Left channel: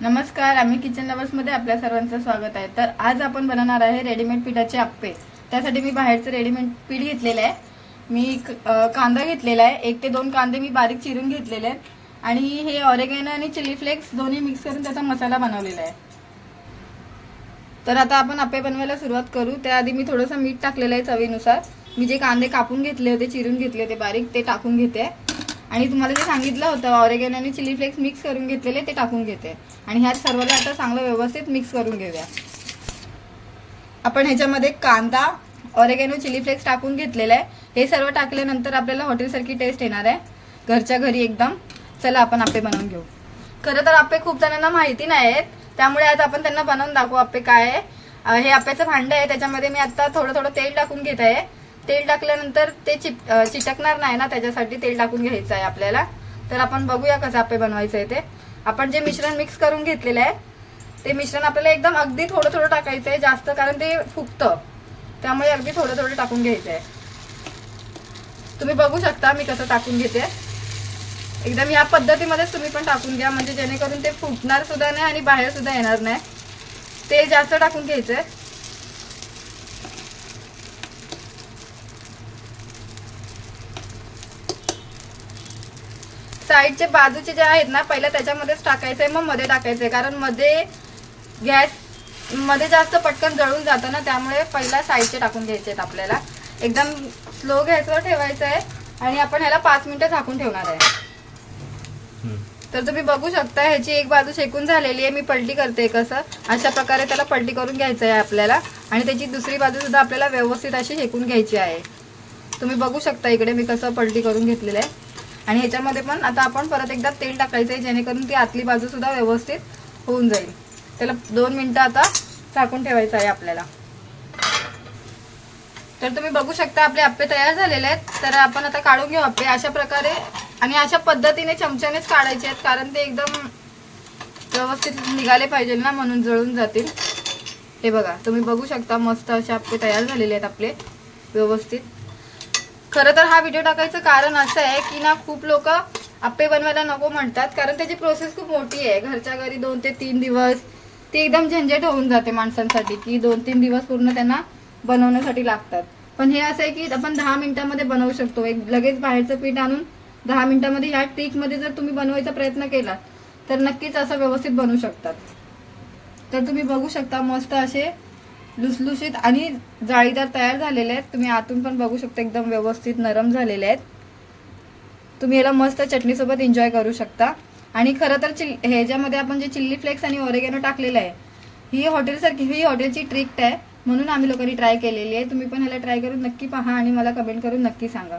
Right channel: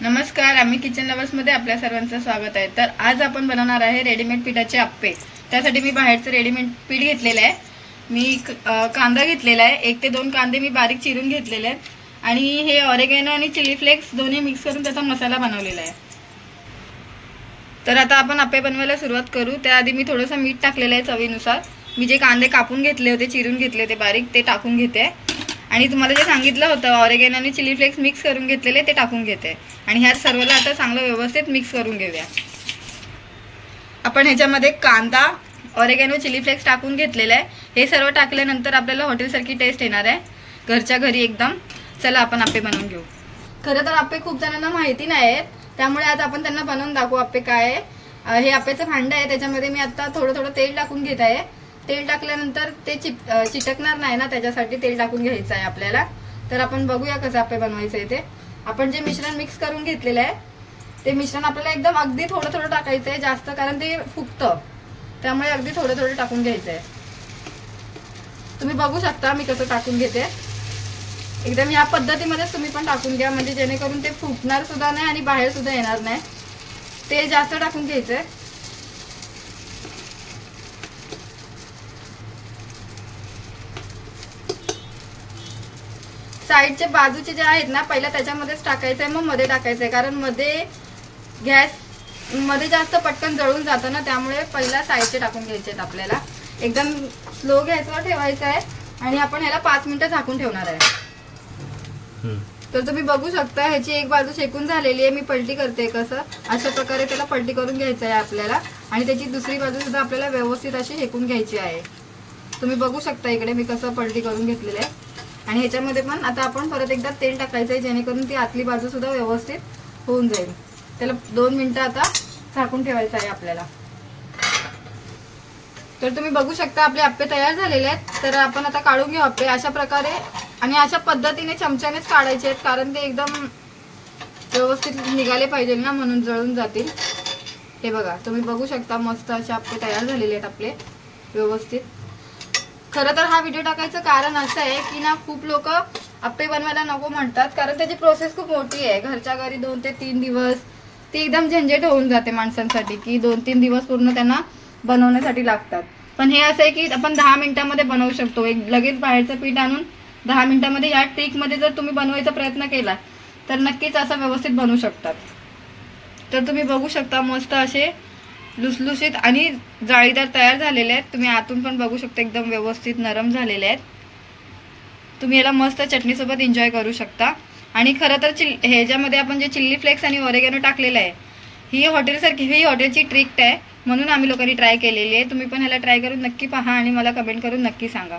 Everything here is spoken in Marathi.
नमस्कार, आम्ही किचन लवर्स मध्ये आपल्या सर्वांचं स्वागत आहे। तर आज आपण बनवणार आहे रेडीमेड पिठाचे अप्पे। त्यासाठी मी बाहेरचं रेडीमेड पीठ घेतलेलं आहे। मी कांदा घेतलेला आहे, 1 ते 2 कांदे मी बारीक चिरून घेतलेले आहेत आणि हे ऑरेगॅनो आणि चिली फ्लेक्स दोन्ही मिक्स करून त्याचा मसाला बनवलेला आहे। तर आता आपण अप्पे बनवायला सुरुवात करू। त्याआधी मी थोडंसं मीठ टाकलेलं आहे चवीनुसार। मी जे कांदे कापून घेतले होते, चिरून घेतले होते बारीक, ते टाकून घेते आणि तुम्हाला जे सांगितलं होतं ऑरेगॅनो आणि चिली फ्लेक्स मिक्स करून घेतलेले ते टाकून घेते आणि ह्या सर्वला आता चांगलं व्यवस्थित मिक्स करून घेऊया। आपण ह्याच्यामध्ये कांदा, ऑरेगॅनो, चिली फ्लेक्स टाकून घेतलेलं आहे। हे सर्व टाकल्यानंतर आपल्याला हॉटेलसारखी टेस्ट येणार आहे, घरच्या घरी एकदम। चला आपण अप्पे बनवून घेऊ। खरं तर अप्पे खूप जणांना माहिती नाहीत, त्यामुळे आज आपण त्यांना बनवून दाखवू अप्पे काय आहे। हे अप्प्याचं भांडं आहे, त्याच्यामध्ये मी आता थोडं थोडं तेल टाकून घेत आहे। तेल टाकल्यानंतर ते चिटकणार नाही ना, त्याच्यासाठी तेल टाकून घ्यायचं आहे आपल्याला। तर आपण बघूया कसं अप्पे बनवायचं आहे ते। आपण जे मिश्रण मिक्स करून घेतलेलं आहे ते मिश्रण आपल्याला एकदम अगदी थोडं थोडं टाकायचं आहे, जास्त कारण ते फुगतं, त्यामुळे अगदी थोडं थोडं टाकून घ्यायचं आहे। तुम्ही बघू शकता मी कसं टाकून घेते। एकदम या पद्धतीमध्येच तुम्ही पण टाकून घ्या, म्हणजे जेणेकरून ते फुटणार सुद्धा नाही आणि बाहेर सुद्धा येणार नाही। तेल जास्त टाकून घ्यायचंय। साईडचे बाजूचे जे आहेत ना, पहिला त्याच्यामध्येच टाकायचंय, मग मध्ये टाकायचंय, कारण मध्ये गॅस मध्ये जास्त पटकन जळून जातं ना, त्यामुळे पहिला साईडचे टाकून घ्यायचे आहेत आपल्याला। एकदम स्लो गॅसवर ठेवायचं आहे आणि आपण ह्याला 5 मिनिटं झाकून ठेवणार आहे। तर तुम्ही बघू शकता ह्याची एक बाजू शेकून झालेली आहे। मी पलटी करते कसं, अशा प्रकारे त्याला पलटी करून घ्यायचं आहे आपल्याला आणि त्याची दुसरी बाजू सुद्धा आपल्याला व्यवस्थित अशी शेकून घ्यायची आहे। तुम्ही बघू शकता इकडे मी कसं पलटी करून घेतलेलं आहे। आणि ह्याच्यामध्ये पण आता आपण परत एकदा तेल टाकायचंय, जेणेकरून ती आतली बाजू सुद्धा व्यवस्थित होऊन जाईल। त्याला 2 मिनिटं आता झाकून ठेवायचं आहे आपल्याला। तर तुम्ही बघू शकता आपले अप्पे तयार झालेले आहेत। तर आपण आता काढून घेऊ अप्पे अशा प्रकारे, आणि अशा पद्धतीने चमच्यानेच काढायचे आहेत, कारण ते एकदम व्यवस्थित निघाले पाहिजे ना, म्हणून जळून जातील। हे बघा, तुम्ही बघू शकता मस्त असे अप्पे तयार झालेले आहेत आपले व्यवस्थित। खरं तर हा व्हिडिओ टाकायचं कारण असं आहे की ना, खूप लोक अप्पे बनवायला नको म्हणतात, कारण त्याची प्रोसेस खूप मोठी आहे। घरच्या घरी 2 ते 3 दिवस ती एकदम झंझट होऊन जाते माणसांसाठी, की 2-3 दिवस पूर्ण त्यांना बनवण्यासाठी लागतात। पण हे असं आहे की आपण 10 मिनिटांमध्ये बनवू शकतो। लगेच बाहेरचं पीठ आणून 10 मिनिटांमध्ये या ट्रिक मध्ये जर तुम्ही बनवायचा प्रयत्न केला तर नक्कीच असं व्यवस्थित बनवू शकतात। तर तुम्ही बघू शकता मस्त असे लुसलुशीत आणि जाळीदार तयार झालेले आहेत। तुम्ही आतून पण बघू शकता एकदम व्यवस्थित नरम झालेले आहेत। तुम्ही याला मस्त चटणी सोबत एन्जॉय करू शकता। आणि खरं तर ह्याच्यामध्ये आपण जे चिल्ली फ्लेक्स आणि ऑरेगॅनो टाकलेलं आहे, ही हॉटेलची ट्रिक आहे, म्हणून आम्ही लोकांनी ट्राय केलेली आहे। तुम्ही पण ह्याला ट्राय करून नक्की पहा आणि मला कमेंट करून नक्की सांगा।